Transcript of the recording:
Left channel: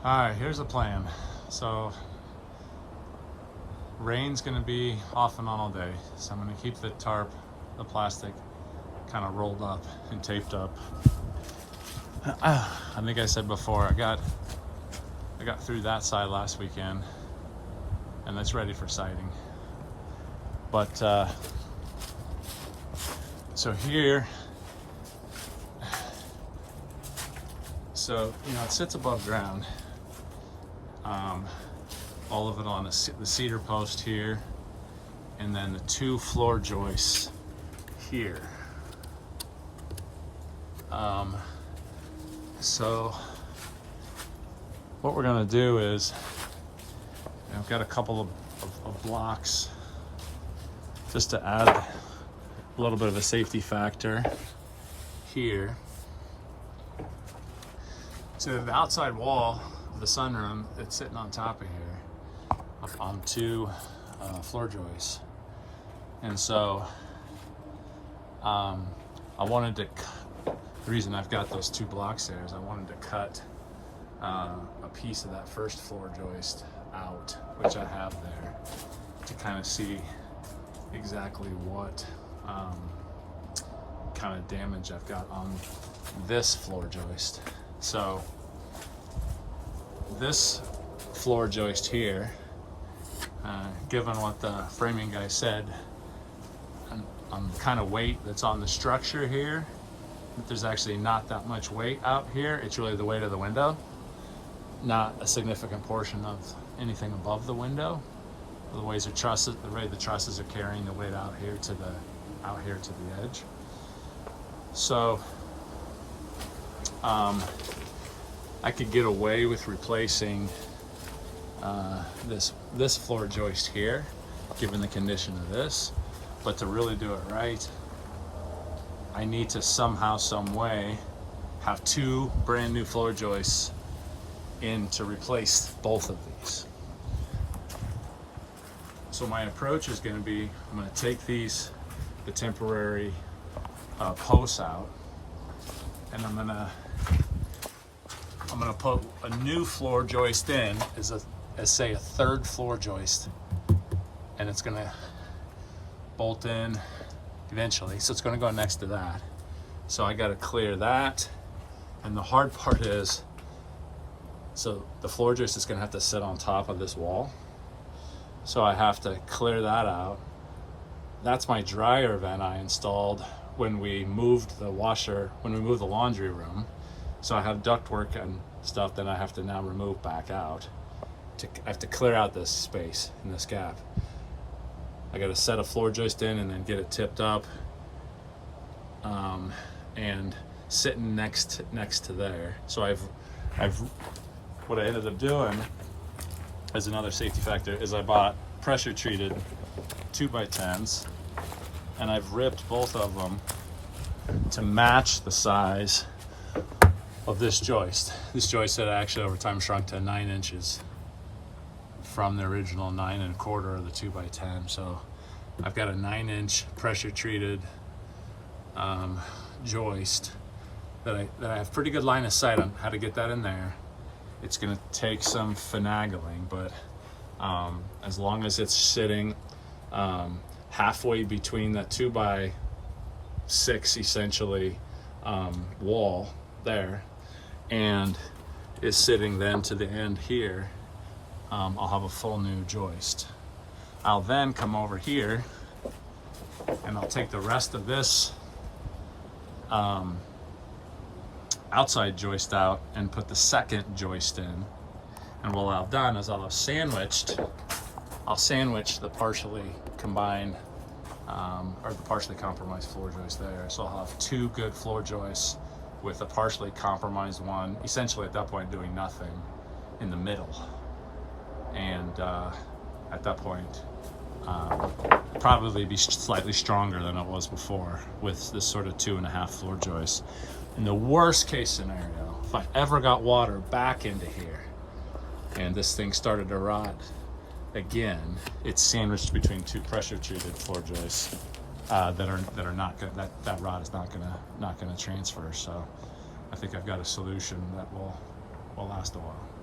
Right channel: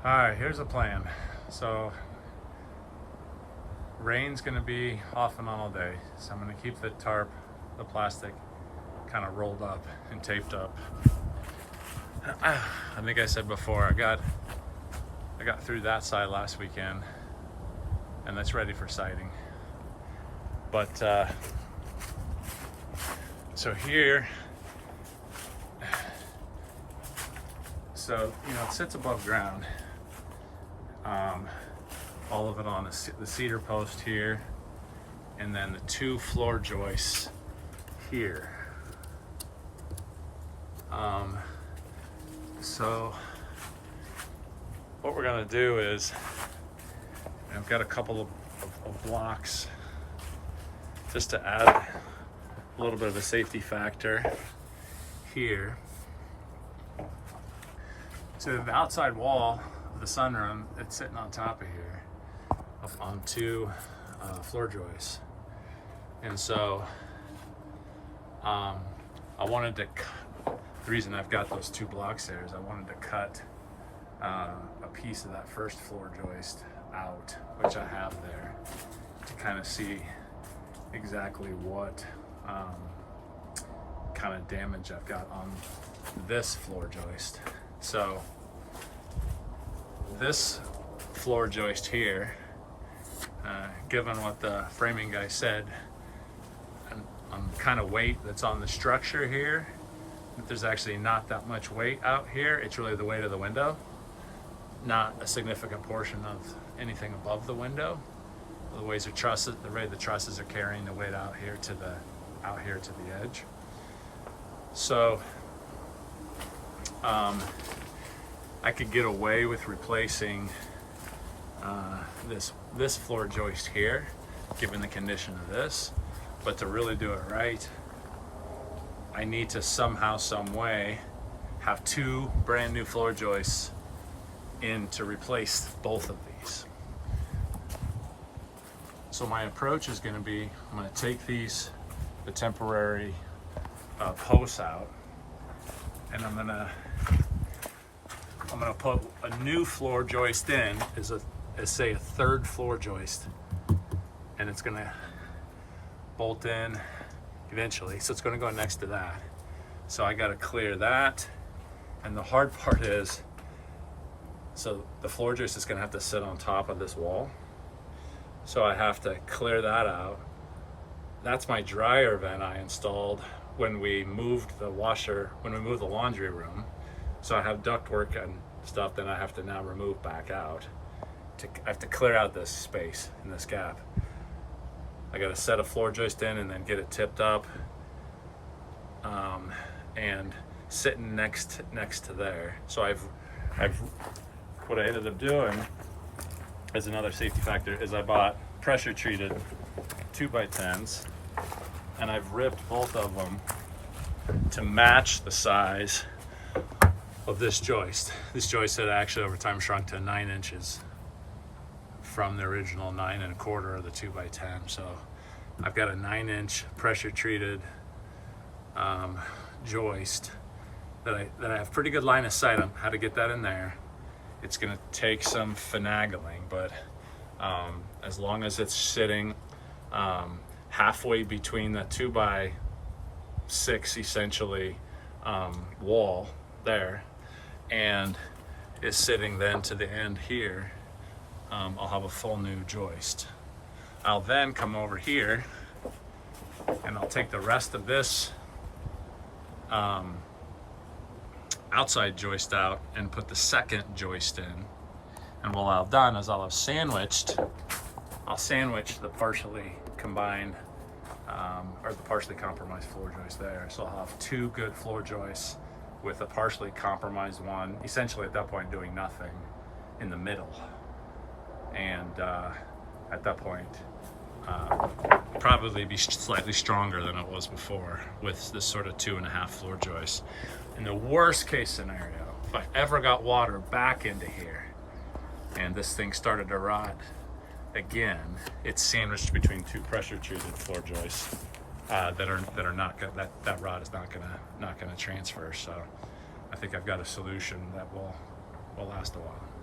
All right, here's the plan. So rain's gonna be off and on all day. So I'm gonna keep the tarp, the plastic, kind of rolled up and taped up. I think I said before, I got through that side last weekend and that's ready for siding. But so here, so you know, it sits above ground. All of it on the cedar post here, and then the two floor joists here. So what we're gonna do is, I've got a couple of blocks just to add a little bit of a safety factor here. So the outside wall of the sunroom, it's sitting on top of here, up on two floor joists. And so I wanted to, the reason I've got those two blocks there is I wanted to cut a piece of that first floor joist out, which I have there, to kind of see exactly what kind of damage I've got on this floor joist. So this floor joist here, given what the framing guy said, on the kind of weight that's on the structure here, that there's actually not that much weight out here. It's really the weight of the window, not a significant portion of anything above the window. The way the trusses are carrying the weight out here to the edge. So I could get away with replacing this floor joist here, given the condition of this, but to really do it right, I need to somehow, some way, have two brand new floor joists in to replace both of these. So my approach is going to be, I'm going to take the temporary posts out, and I'm gonna put a new floor joist in as say a third floor joist, and it's gonna bolt in eventually. So it's gonna go next to that. So I got to clear that, and the hard part is, so the floor joist is gonna have to sit on top of this wall. So I have to clear that out. That's my dryer vent I installed when we moved the laundry room. So I have ductwork and stuff that I have to now remove back out. I have to clear out this space in this gap. I got to set a floor joist in and then get it tipped up, and sitting next to there. So what I ended up doing as another safety factor is I bought pressure treated 2x10s, and I've ripped both of them to match the size of this joist. This joist had actually over time shrunk to 9 inches from the original 9 1/4 of the 2x10. So I've got a 9-inch pressure treated joist that I have pretty good line of sight on how to get that in there. It's gonna take some finagling, but as long as it's sitting halfway between that 2x6 essentially wall there, and is sitting then to the end here, I'll have a full new joist. I'll then come over here and I'll take the rest of this outside joist out and put the second joist in. And what I've done is I'll sandwich the partially combined or the partially compromised floor joist there. So I'll have two good floor joists with a partially compromised one, essentially at that point doing nothing in the middle. And at that point, probably be slightly stronger than it was before with this sort of 2.5 floor joist. In the worst case scenario, if I ever got water back into here and this thing started to rot again, it's sandwiched between two pressure treated floor joists that are not gonna, that rod is not gonna transfer. So I think I've got a solution that will last a while.